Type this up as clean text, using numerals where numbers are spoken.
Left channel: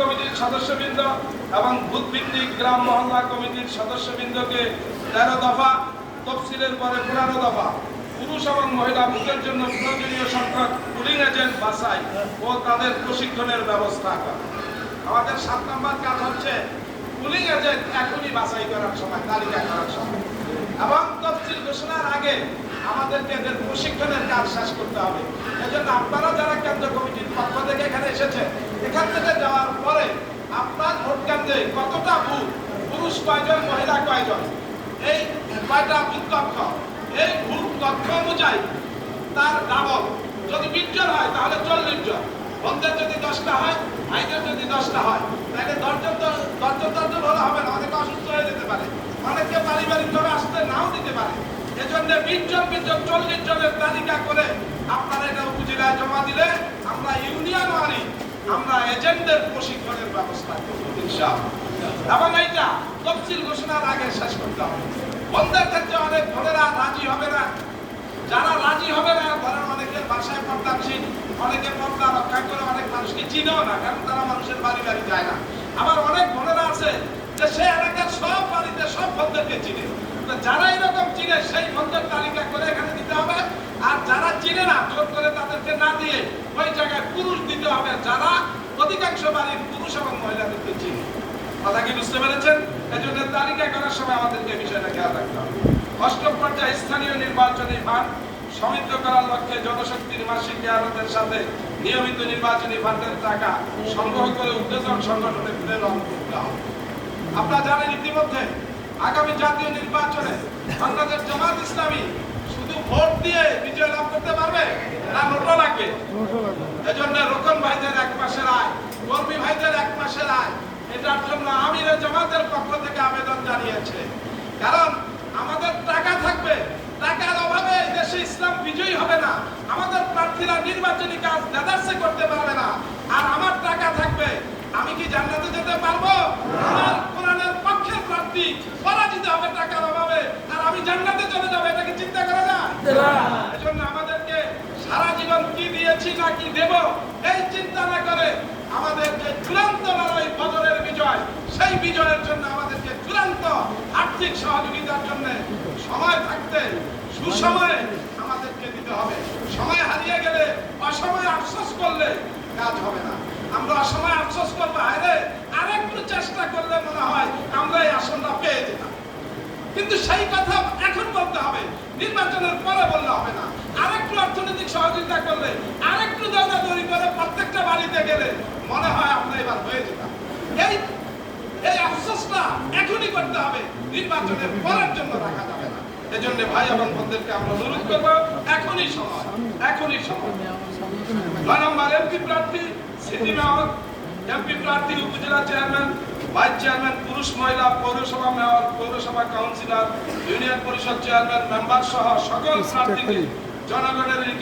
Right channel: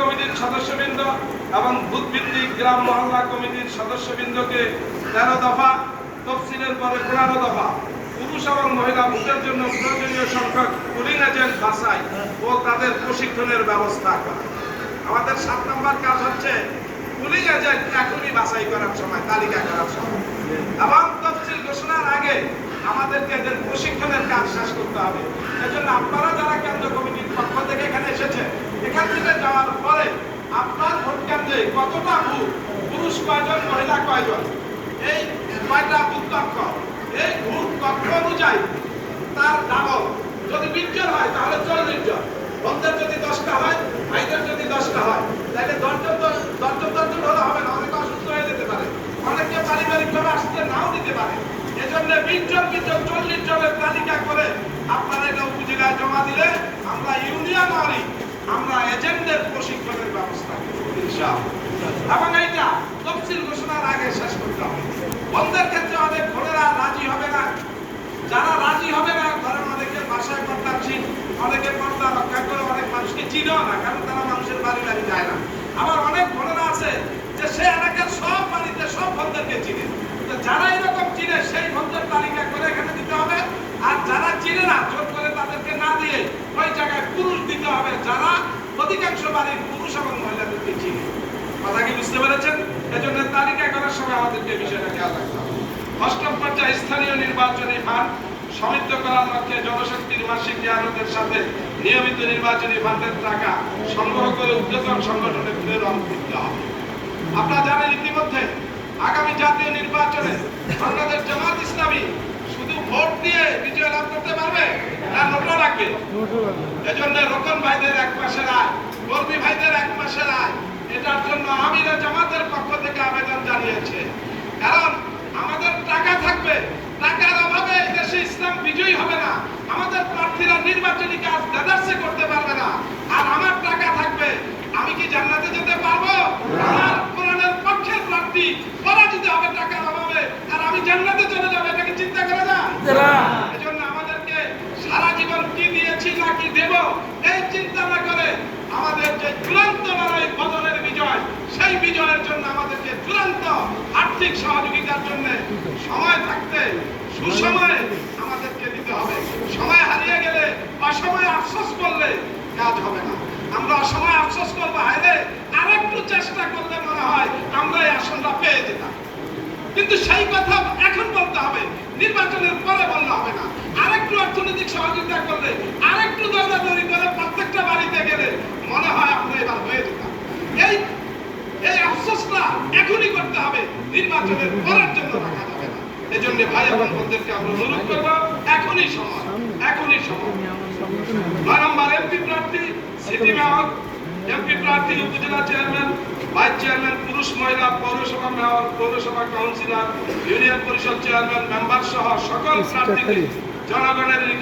কমিটির সদস্যবৃন্দ এবং বুথভিত্তিক গ্রাম মহল্লা কমিটির সদস্যবৃন্দকে 13 দফা, তফসিলের পরে 15 দফা, পুরুষ এবং মহিলা বুথের জন্য প্রয়োজনীয় সংখ্যক পুলিং এজেন্ট বাছাই ও তাদের প্রশিক্ষণের ব্যবস্থা করা। আমাদের 7 নম্বর কাজ হচ্ছে পুলিং এজেন্ট এখনই বাছাই করার সময়, তালিকা করার সময় এবং তফসিল ঘোষণার আগে আমাদেরকে এদের প্রশিক্ষণের কাজ শেষ করতে হবে। এজন্য আপনারা যারা কেন্দ্র কমিটির পক্ষ থেকে এখানে এসেছে, এখান থেকে যাওয়ার পরে আপনার ভোট কেন্দ্রে কতটা বুথ, পুরুষ কয়জন, মহিলা কয়জন, এই কয়টা বুথ কক্ষ, এই বুথ কক্ষ অনুযায়ী তার ডাবল। যদি 20 জন হয় তাহলে 40 জন, বোনদের যদি 10টা হয়, ভাইদের যদি 10টা হয়, তাহলে 10 জন হলে হবে না, অনেকে অসুস্থ হয়ে যেতে পারে, অনেকে পারিবারিকভাবে আসতে নাও দিতে পারে। এজন্য 20 জন 40 জনের তালিকা করে আপনারা এটা উপজেলায় জমা দিলে আমরা ইউনিয়ন ওয়ারি আমরা এজেন্টদের প্রশিক্ষণের ব্যবস্থা করব ইনশাআল্লাহ। এবং এইটা তফসিল ঘোষণার আগে শেষ করতে হবে। বন্ধের ক্ষেত্রে অনেক বোনেরা রাজি হবে না, যারা রাজি হবে না, ধরেন অনেকের বাসায় পর্দাশীল, অনেকে পর্দা রক্ষা করে, অনেক মানুষকে চিনেও না, কারণ তারা মানুষের বাড়ি বাড়ি যায় না। আবার অনেক বোনেরা আছে যে সে এলাকার সব বাড়িতে সব বন্ধুদেরকে চিনে। তো যারা এরকম চিনে সেই বন্ধুর তালিকা করে এখানে দিতে হবে, আর যারা চিনে না জোর করে তাদেরকে না দিয়ে ওই জায়গায় পুরুষ দিতে হবে, যারা অধিকাংশ বাড়ির পুরুষ এবং মহিলাদেরকে চিনে। কথা কি বুঝতে পেরেছেন? এজন্য তালিকা করার সময় আমাদেরকে বিষয়টা খেয়াল রাখতে হবে। 8ম পর্যায়ে স্থানীয় নির্বাচনী ফান্ড সমৃদ্ধ করার লক্ষ্যে জনশক্তির মাসিক জিয়ারতের সাথে নিয়মিত নির্বাচনী ফান্ডের টাকা সংগ্রহ করে উদ্যোতন সংগঠনে প্রেরণ করতে হবে। আপনারা জানেন ইতিমধ্যে আগামী জাতীয় নির্বাচনে বাংলাদেশ জামাত ইসলামী শুধু ভোট দিয়ে বিজয় লাভ করতে পারবে না, নোটও লাগবে। এজন্য রোকন ভাইদের 1 মাসের আয়, কর্মী ভাইদের 1 মাসের আয়, এটার জন্য আমিরে জামাতের পক্ষ থেকে আবেদন জানিয়েছে। কারণ আমাদের টাকা থাকবে, টাকার অভাবে দেশে ইসলাম বিজয়ী হবে না, আমাদের প্রার্থীরা নির্বাচনী কাজ দাদারসে করতে পারবে না। আর আমার টাকা থাকবে, আমি কি জান্নাতে যেতে পারবো? আমার কোরআনের পক্ষের প্রার্থী পরাজিত হবে টাকার অভাবে, আর আমি জান্নাতে চলে যাবো, এটা কি চিন্তা করা যায়? এজন্য আমাদেরকে সারা জীবন কি দিয়েছি না কি দেব এই চিন্তা না করে আমাদের যে চূড়ান্ত লড়াই বদরের বিজয়, সেই বিজয়ের জন্য আমাদেরকে চূড়ান্ত আর্থিক সহযোগিতার জন্য সময় থাকতে সুসময়ে আমাদেরকে দিতে হবে। সময় হারিয়ে গেলে, অসময়ে আফসোস করলে কাজ হবে না। আমরা অসময়ে আফসোস করবো, হায়রে আরেকটু চেষ্টা করলে মনে হয় আমরা এই আসনটা পেয়ে যেতাম, কিন্তু সেই কথা এখন বলতে হবে, নির্বাচনের পরে বললে হবে না। আরেকটু অর্থনৈতিক সহযোগিতা করলে, আরেকটু দৌড়াদৌড়ি করে প্রত্যেকটা বাড়িতে গেলে মনে হয় আমরা এবার হয়ে যেতাম। এই আফসোসটা এখনই করতে হবে, নির্বাচনের পরের জন্য রাখা যাবে না। এজন্য ভাই এবং বোনদেরকে আমরা অনুরোধ করবো, এখনই সময়, এখনই সময়। 9 নম্বর এমপি প্রার্থী, সিটি মেয়র, এমপি প্রার্থী, উপজেলা চেয়ারম্যান, ভাইস চেয়ারম্যান, পুরুষ মহিলা, পৌরসভা মেয়র, পৌরসভা কাউন্সিলর, ইউনিয়ন পরিষদ চেয়ারম্যান, মেম্বার সহ সকল প্রার্থীদের জনগণের